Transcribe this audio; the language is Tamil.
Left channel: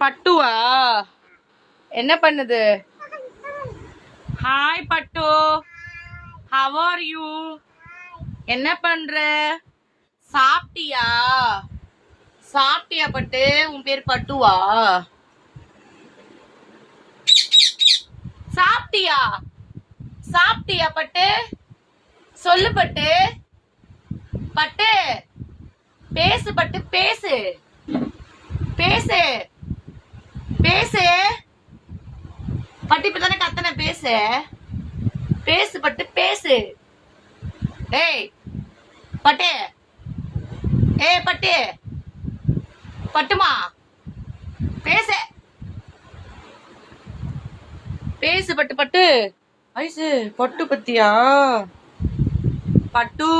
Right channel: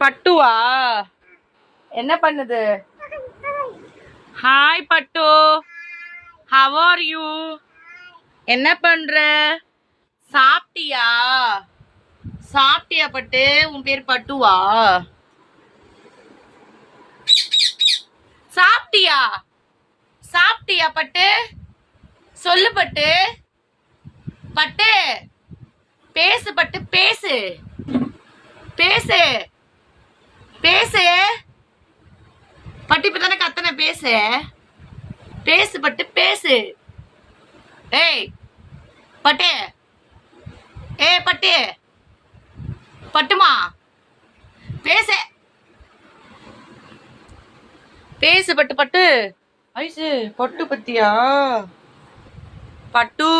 பட்டுவா என்ன பண்ணுது? ஹாய் பட்டு, ஹவ் ஆர் யூ? என்ன பண்ற? சாப்பிட்டியா? சாப்பிட்டியா பட்டு? உன் பேர் பட்டுவா? சாப்பிட்டியா? சாப்பிட்டியா பட்டு? சொல்லு பட்டு. பட்டு பேசு பட்டு, பேசு பேசு பேசு. பட்டு இப்பதானே கத்தனை, பேசு பேசு பட்டு, பேசு. ஏய் பட்டு, ஏய் பட்டு, பட்டுமா பேசு பேசு பட்டு. பட்டு ஐசு பட்டு பத்தியா? பட்டு